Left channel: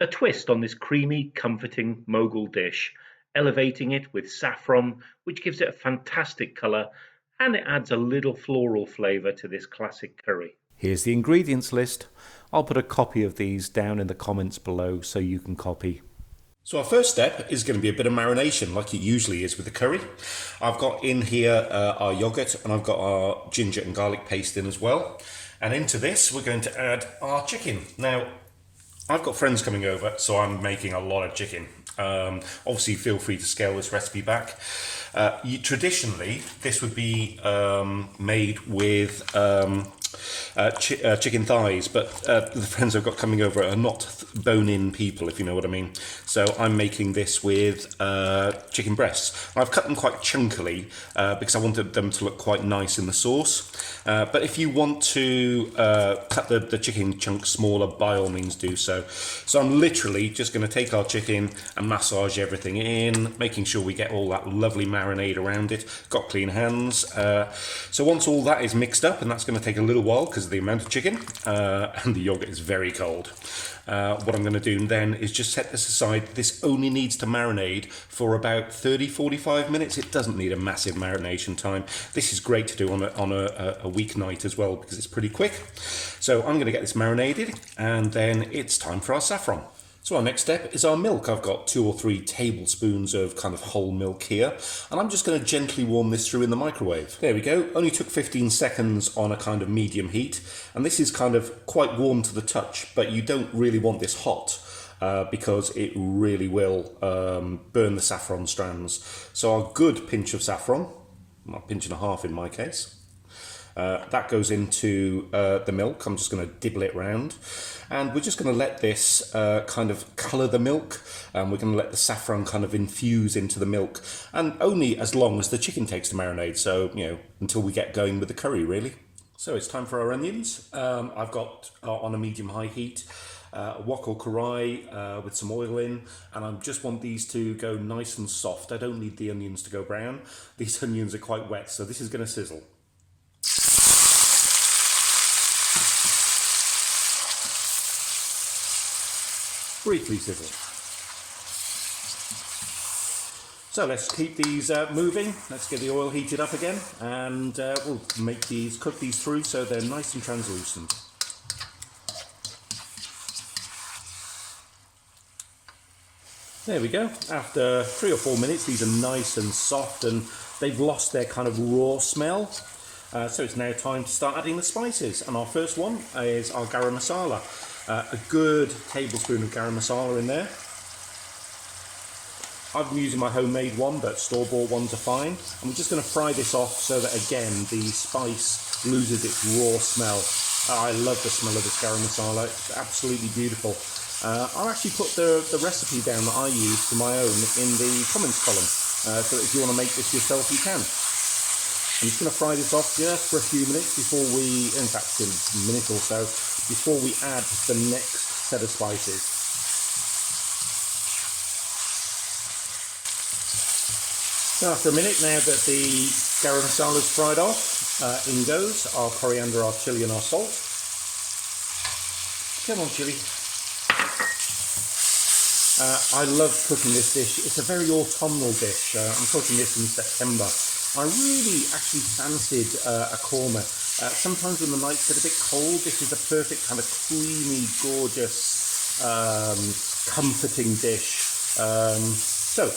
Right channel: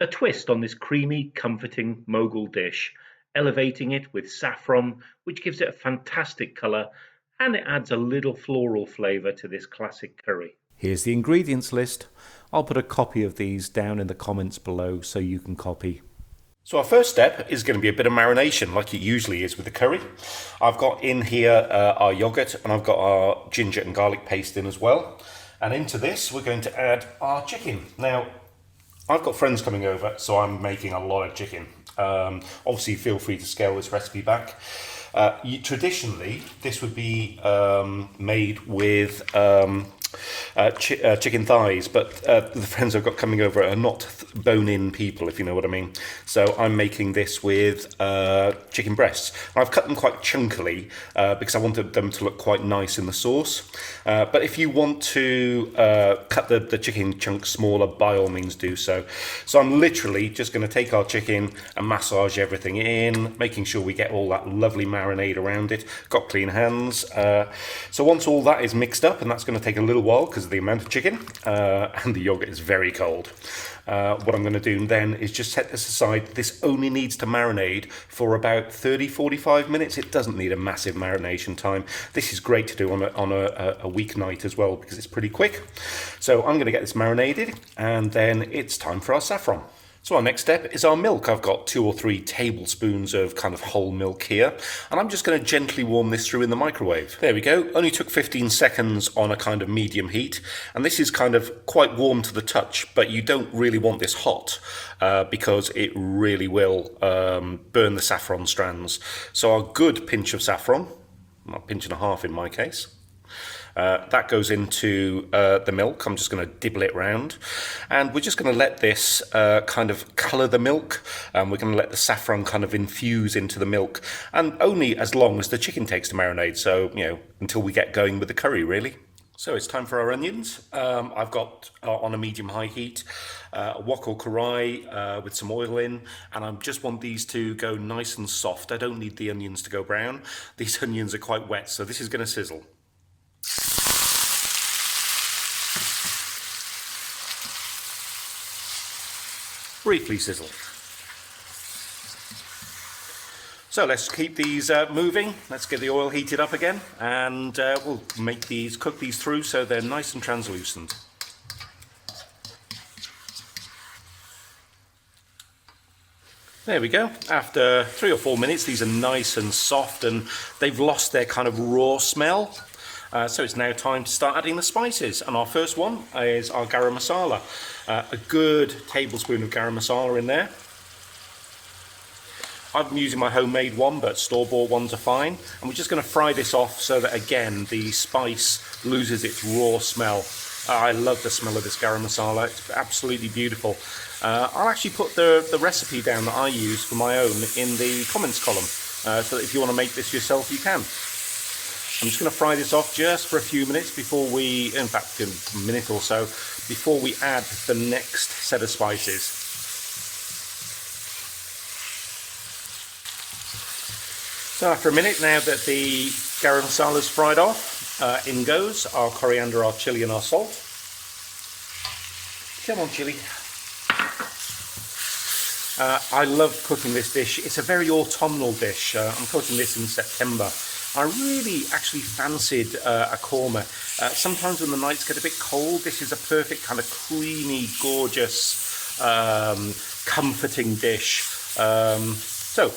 A twist on this creamy, comforting Mughal dish, elevating it with saffron, which gives it a fantastic colour, and it adds a little floral flavour to this classic curry. Here's the ingredients list. I'll put a copy of these down in the comments below so you can copy. So our first step is going to be a bit of marination, like it usually is with the curry. I've got in here our yogurt, and I've got our ginger and garlic paste in as well. And into this, we're going to add our chicken. Now, I've got friends coming over, so I'm making a lot of chicken. Obviously, feel free to scale this recipe back. Traditionally, this would be made with chicken thighs, but the friends I've got coming over are not bone-in people, if you know what I mean. So I'm making this with chicken breasts. And I've cut them quite chunkily because I wanted them to look quite nice in the sauce. But if you want to cut the chicken chunks smaller, by all means do so. So I'm literally just going to take our chicken and massage everything in, making sure we get all that lovely marinade around it. Got clean hands. So once all that is mixed up, and that's going to take a little while because of the amount of chicken, and the yogurt is very cold. What I'm going to do then is just set this aside. This only needs to marinate for about 30-45 minutes. It doesn't need a massive marination time. This is great to do on a weeknight as well because it's pretty quick. So I'm going to get this marinated, and then it's time for our saffron. So our next step is our milk. I've got 2 or 3 tablespoons of kind of whole milk here, and I'm just going to gently warm this through in the microwave. There we go. Only took 15 seconds on a kind of medium heat, and this is kind of quite warm to the touch, but you don't really want this hot because it really will burn the saffron strands. So our good pinch of saffron, a pinch and a half in my case. That goes into the milk. I'm just going to dibble it round, and we're just going to let this kind of colour the milk, and we're going to let the saffron kind of infuse into the milk, and only as long as the chicken takes to marinate, so until we get going with the curry really. So it's time for our onions. I've got on a medium-high heat a wok or karai with some oil in, and I just want these to go nice and soft. I don't need the onions to go brown. These onions are quite wet, so this is going to sizzle. Briefly sizzle. So let's keep these moving. Let's get the oil heated up again, and we'll cook these through so they're nice and translucent. There we go. After 3 or 4 minutes, these are nice and soft, and they've lost their kind of raw smell. So it's now time to start adding the spices, and our first one is our Garam Masala. A good tablespoon of Garam Masala in there. I've been using my homemade one, but store-bought ones are fine. And we're just going to fry this off so that, again, the spice loses its raw smell. I love the smell of this Garam Masala. It's absolutely beautiful. I'll actually put the recipe down that I use for my own in the comments column. So that if you want to make this yourself, you can. I'm just going to fry this off just for a few minutes before we, in fact, a minute or so, before we add the next set of spices. So after a minute, now that the garam masala is fried off, in goes our coriander, our chilli and our salt. Come on, chilli. I love cooking this dish. It's a very autumnal dish. I'm cooking this in September. I really actually fancied a korma. Sometimes when the nights get a bit cold, this is a perfect kind of creamy, gorgeous, comforting dish. So,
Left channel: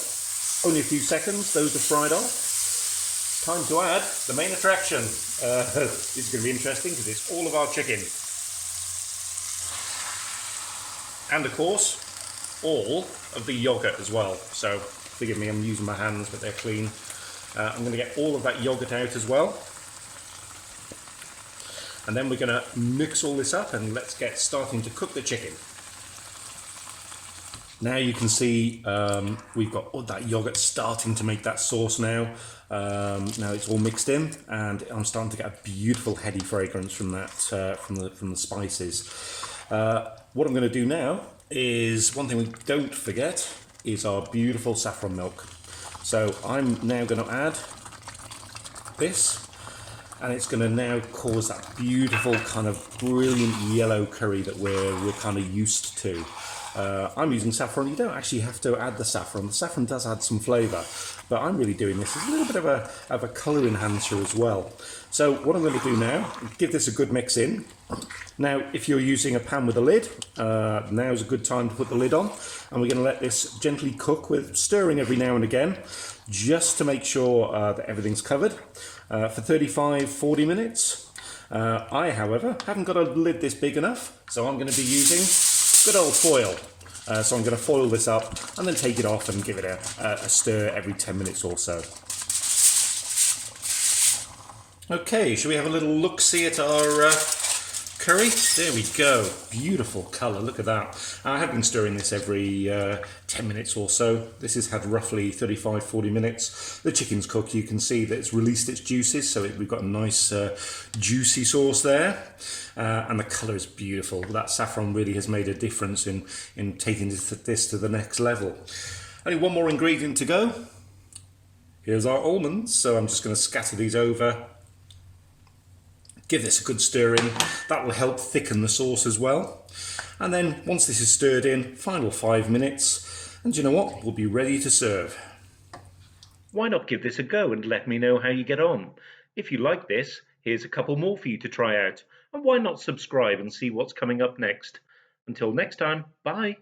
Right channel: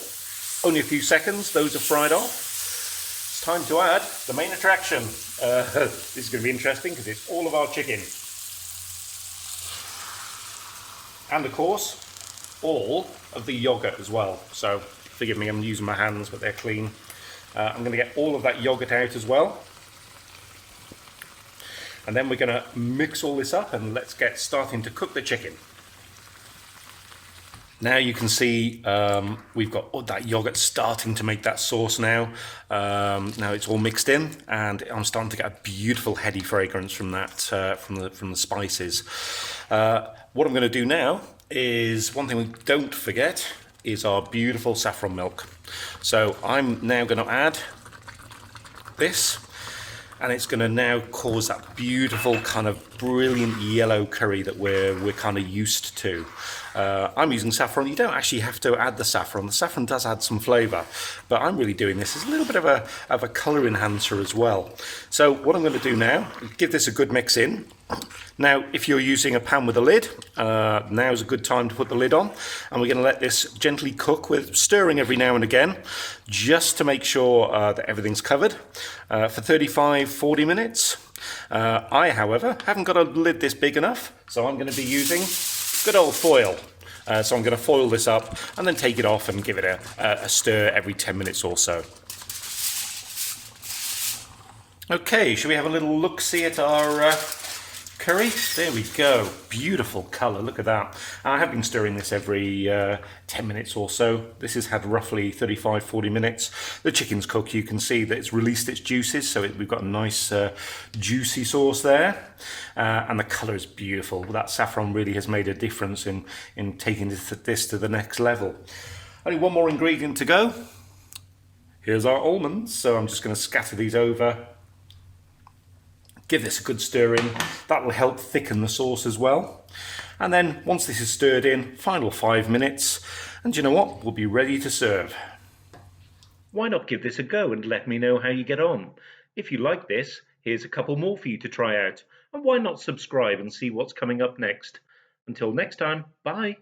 only a few seconds, those are fried off. It's time to add the main attraction. This is going to be interesting because it's all of our chicken. And of course, all of the yogurt as well. So, forgive me, I'm using my hands, but they're clean. I'm going to get all of that yogurt out as well. And then we're going to mix all this up and let's get starting to cook the chicken. Now you can see we've got that yogurt starting to make that sauce now. Now it's all mixed in, and I'm starting to get a beautiful heady fragrance from that, from the spices. What I'm going to do now is, one thing we don't forget is our beautiful saffron milk. So I'm now going to add this, and it's going to now cause that beautiful kind of brilliant yellow curry that we're kind of used to. I'm using saffron. You don't actually have to add the saffron. The saffron does add some flavour, but I'm really doing this as a little bit of a colour enhancer as well. So what I'm going to do now, give this a good mix in. Now, if you're using a pan with a lid, now is a good time to put the lid on, and we're going to let this gently cook with stirring every now and again, just to make sure that everything's covered for 35-40 minutes. I, however, haven't got a lid this big enough, so I'm going to be using good old foil. So I'm going to foil this up and then take it off and give it a stir every 10 minutes or so. Okay, shall we have a little look-see at our curry? There we go. Beautiful colour, look at that. And I have been stirring this every 10 minutes or so. This has had roughly 35-40 minutes. The chicken's cooked. You can see that it's released its juices, so we've got a nice juicy sauce there. And the colour is beautiful. That saffron really has made a difference in taking this to the next level. Only one more ingredient to go. Here's our almonds. So I'm just going to scatter these over. Give this a good stir in. That will help thicken the sauce as well. And then once this is stirred in, final 5 minutes, and you know what? We'll be ready to serve. Why not give this a go and let me know how you get on? If you like this, here's a couple more for you to try out. And why not subscribe and see what's coming up next? Until next time, bye.